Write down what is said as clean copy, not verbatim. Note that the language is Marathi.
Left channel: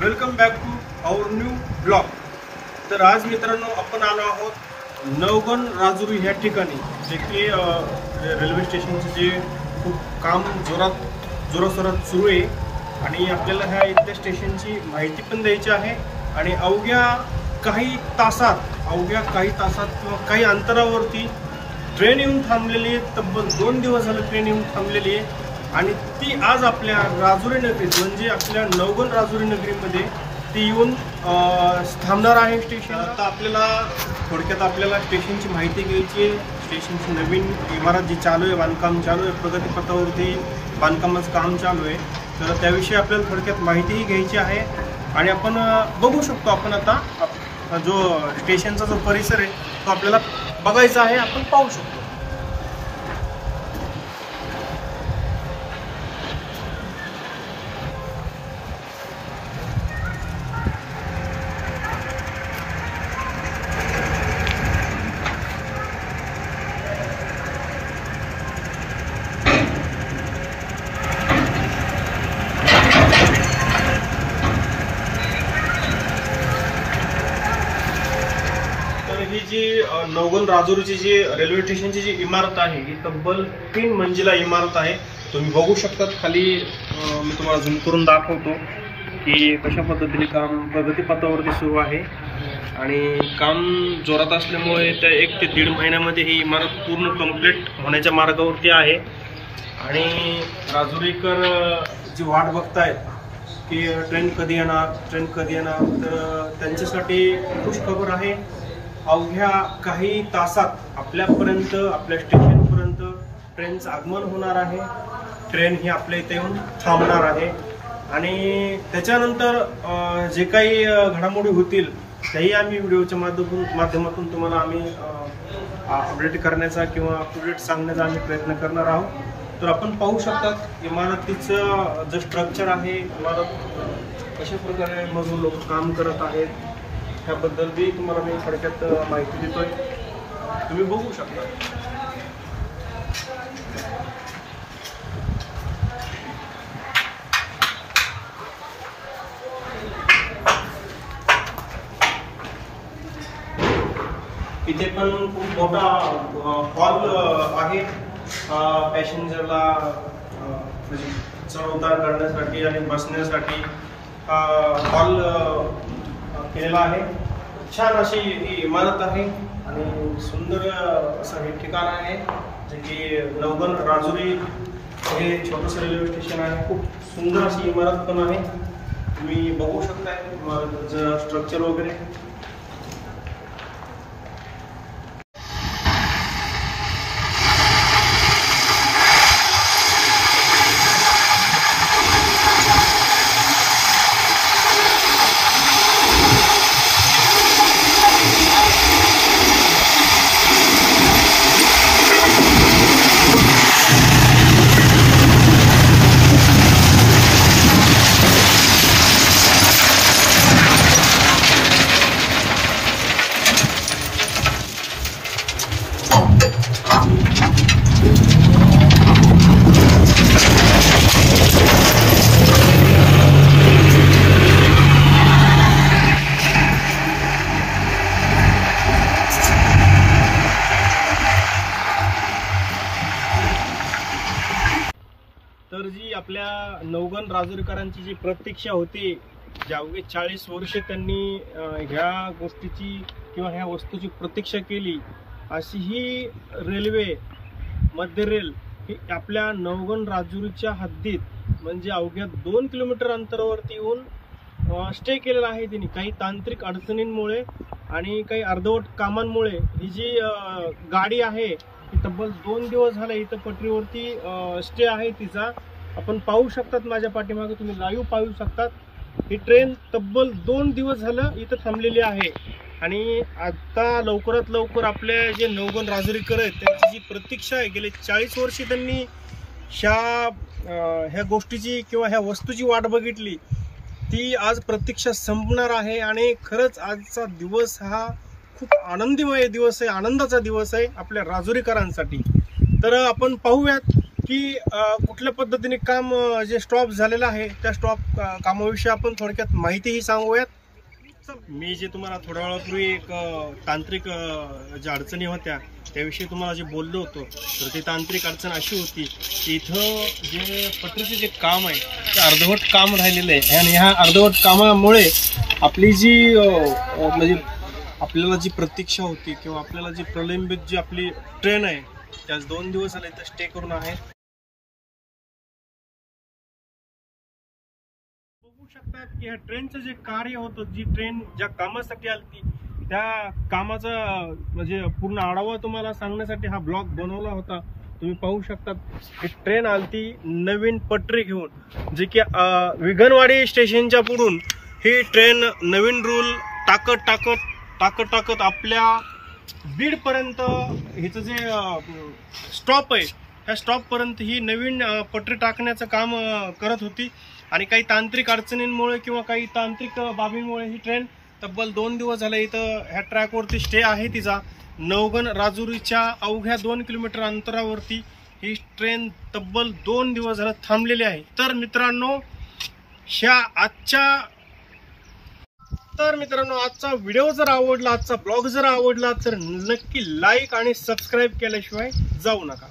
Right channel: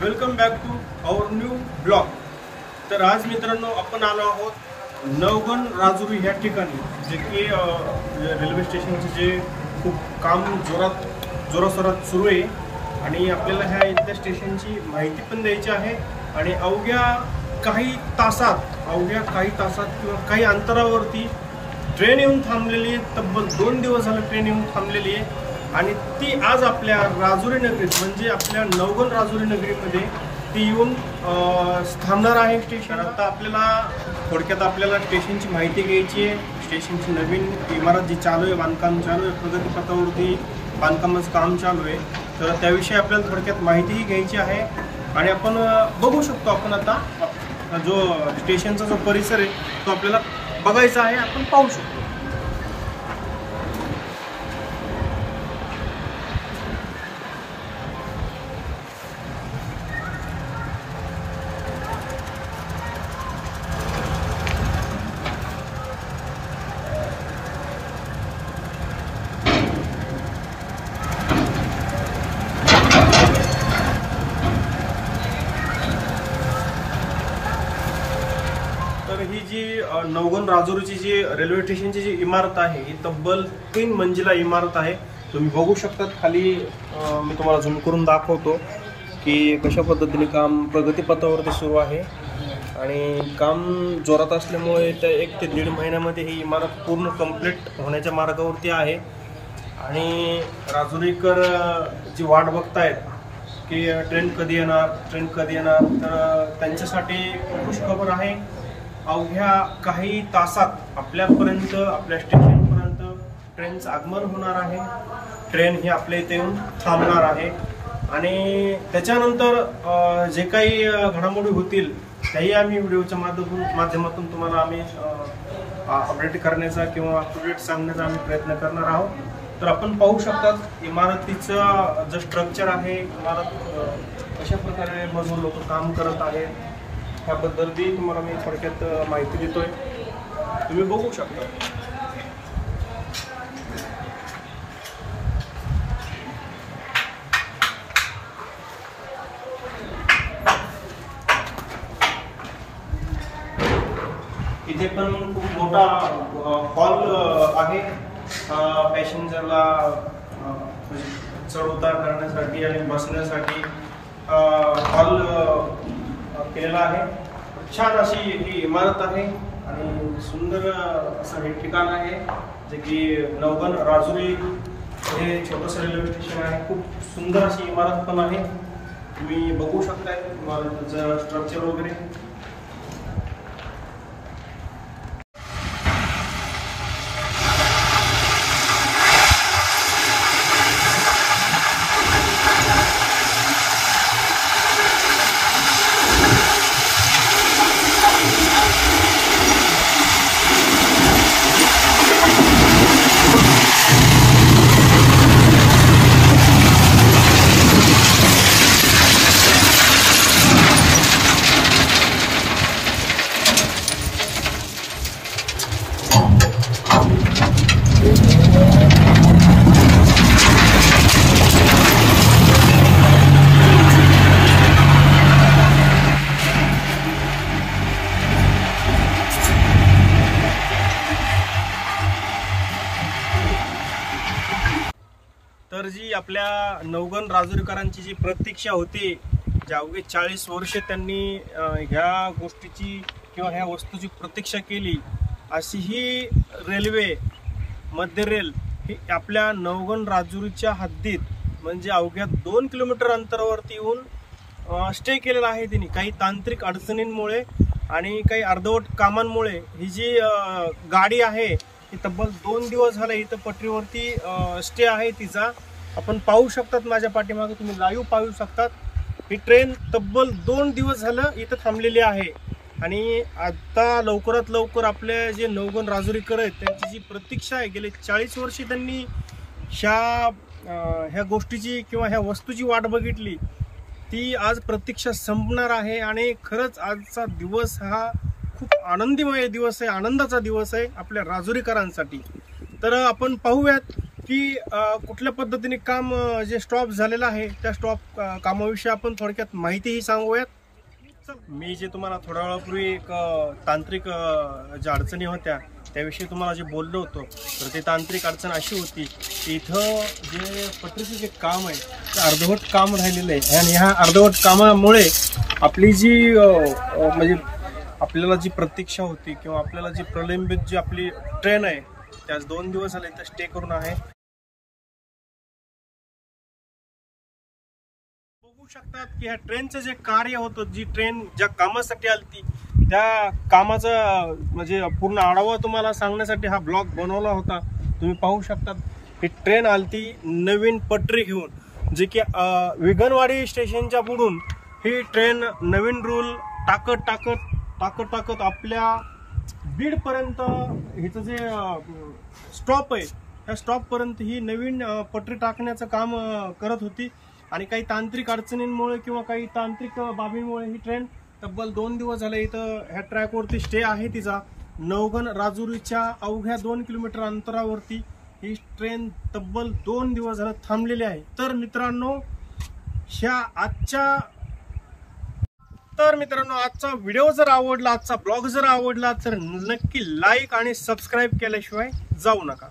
Welcome back to our new blog. तर आज मित्रांनो आपण आलो आहोत नवगण राजुरी ह्या ठिकाणी, जे की रेल्वे स्टेशनचे जे खूप काम जोरासोरात सुरू आहे आणि आपल्याला ह्या इथल्या स्टेशनची माहिती पण द्यायची आहे। आणि अवघ्या काही तासात किंवा काही अंतरावरती ट्रेन येऊन थांबलेली आहे। तब्बल 2 दिवस झाले ट्रेन येऊन थांबलेली आहे आणि ती आज आपल्या राजुरी नगरीत म्हणजे आपल्या नवगण राजुरी नगरीमध्ये ती येऊन थांबणार आहे स्टेशन। आता आपल्याला थोडक्यात आपल्याला स्टेशनची माहिती घ्यायची आहे। स्टेशनची नवीन इमारत जी चालू आहे, बांधकाम चालू आहे, प्रगतीपथावरती बांधकामाचं काम चालू आहे, तर त्याविषयी आपल्याला थोडक्यात माहितीही घ्यायची आहे। आणि आपण बघू शकतो, आपण आता जो स्टेशनचा जो परिसर आहे तो आपल्याला बघायचा आहे, आपण पाहू शकतो। ही जी नवगण राजुरीची जी रेल्वे स्टेशनची जी इमारत आहे ही तब्बल 3 मंजिला इमारत आहे। तुम्ही बघू शकता खाली, मी तुम्हाला झूम करून दाखवतो की कशा पद्धतीने काम प्रगतीपथावरती सुरू आहे आणि काम जोरात असल्यामुळे त्या 1 ते 1.5 महिन्यामध्ये ही इमारत पूर्ण कंप्लीट होण्याच्या मार्गावरती आहे। आणि राजुरीकर जी वाट बघतायत की ट्रेन कधी येणार, तर त्यांच्यासाठी खुश खबर आहे। अवघ्या काही तासात आपल्या स्टेशनपर्यंत ट्रेनचं आगमन होणार आहे। ट्रेन ही आपल्या इथे येऊन थांबणार आहे आणि त्याच्यानंतर जे काही घडामोडी होतील त्याही आम्ही व्हिडिओच्या माध्यमातून तुम्हाला आम्ही अपडेट करण्याचा किंवा अप टू डेट सांगण्याचा आम्ही प्रयत्न करणार आहोत। तर आपण पाहू शकतात इमारतीचं जे स्ट्रक्चर आहे, इमारत कशा प्रकारे मजूर लोक काम करत आहेत ह्याबद्दल तुम्हाला मी थोडक्यात माहिती देतोय, तुम्ही बघू शकता। इथे पण खूप मोठा हॉल आहे, पॅसेंजरला म्हणजे चढ उतार करण्यासाठी आणि बसण्यासाठी हॉल केलेला आहे। छान अशी ही इमारत आहे आणि सुंदर असं हे ठिकाण आहे, जे की नवगण राजुरी हे छोटंसं रेल्वे स्टेशन आहे। खूप सुंदर अशी इमारत पण आहे, तुम्ही बघू शकताय इमारतीचं स्ट्रक्चर वगैरे। तर जी आपल्या नवगण राजुरीकरांची जी प्रतीक्षा होती, जे अवघे 40 वर्ष त्यांनी ह्या गोष्टीची किंवा ह्या वस्तूची प्रतीक्षा केली, अशी ही रेल्वे मध्य रेल ही आपल्या नवगण राजुरीच्या हद्दीत म्हणजे अवघ्या 2 किलोमीटर अंतरावरती येऊन स्टे केलेला आहे त्यांनी। काही तांत्रिक अडचणींमुळे आणि काही अर्धवट कामांमुळे ही जी गाडी आहे ही तब्बल 2 दिवस झाले इथं पटरीवरती स्टे आहे तिचा। आपण पाहू शकतात, माझ्या पाठीमागे तुम्ही लाईव्ह पाहू शकतात, ही ट्रेन तब्बल 2 दिवस झालं इथं थांबलेली आहे। आणि आता लवकरात लवकर आपले जे नवगण राजुरीकर आहेत त्यांची जी प्रतीक्षा आहे, गेले 40 वर्षे त्यांनी ह्या गोष्टीची किंवा ह्या वस्तूची वाट बघितली, ती आज प्रतीक्षा संपणार आहे। आणि खरंच आजचा दिवस हा खूप आनंदीमय दिवस आहे, आनंदाचा दिवस आहे आपल्या राजुरीकरांसाठी। तर आपण पाहूयात की कुठल्या पद्धतीने काम जे स्टॉप झालेलं आहे त्या स्टॉप कामाविषयी आपण थोडक्यात माहितीही सांगूयात. मी जे तुम्हाला थोड्या वेळापूर्वी एक तांत्रिक ज्या अडचणी होत्या त्याविषयी तुम्हाला जे बोललो होतो, तर ते तांत्रिक अडचण अशी होती की इथं जे पटरीचे जे काम आहे ते अर्धवट काम राहिलेलं आहे. आणि ह्या अर्धवट कामामुळे आपली जी म्हणजे आपल्याला जी प्रतीक्षा होती किंवा आपल्याला जी प्रलंबित जी आपली ट्रेन आहे त्याच 2 दिवस झाले इथं स्टे करून आहे. बघू शकतात की ह्या ट्रेनचं जे कार्य होतं, जी ट्रेन ज्या कामासाठी आलती त्या कामाचा म्हणजे पूर्ण आढावा तुम्हाला सांगण्यासाठी हा ब्लॉग बनवला होता. तुम्ही पाहू शकतात ही ट्रेन आलती नवीन पटरी घेऊन, जे की विगणवाडी स्टेशनच्या पुढून ही ट्रेन नवीन रूल टाकत आपल्या बीडपर्यंत हिचं जे स्टॉप आहे ह्या स्टॉपपर्यंत ही नवीन पटरी टाकण्याचं काम करत होती. आणि काही तांत्रिक अडचणींमुळे किंवा काही तांत्रिक बाबींमुळे ही ट्रेन तब्बल 2 दिवस झाले इथं ह्या ट्रॅकवरती स्टे आहे तिचा. नवगण राजुरीच्या अवघ्या 2 किलोमीटर अंतरावरती ही ट्रेन तब्बल 2 दिवस झालं थांबलेली आहे. तर मित्रांनो आजचा व्हिडिओ जर आवडला, आजचा ब्लॉग जर आवडला तर नक्की लाईक आणि सबस्क्राईब केल्याशिवाय जाऊ नका.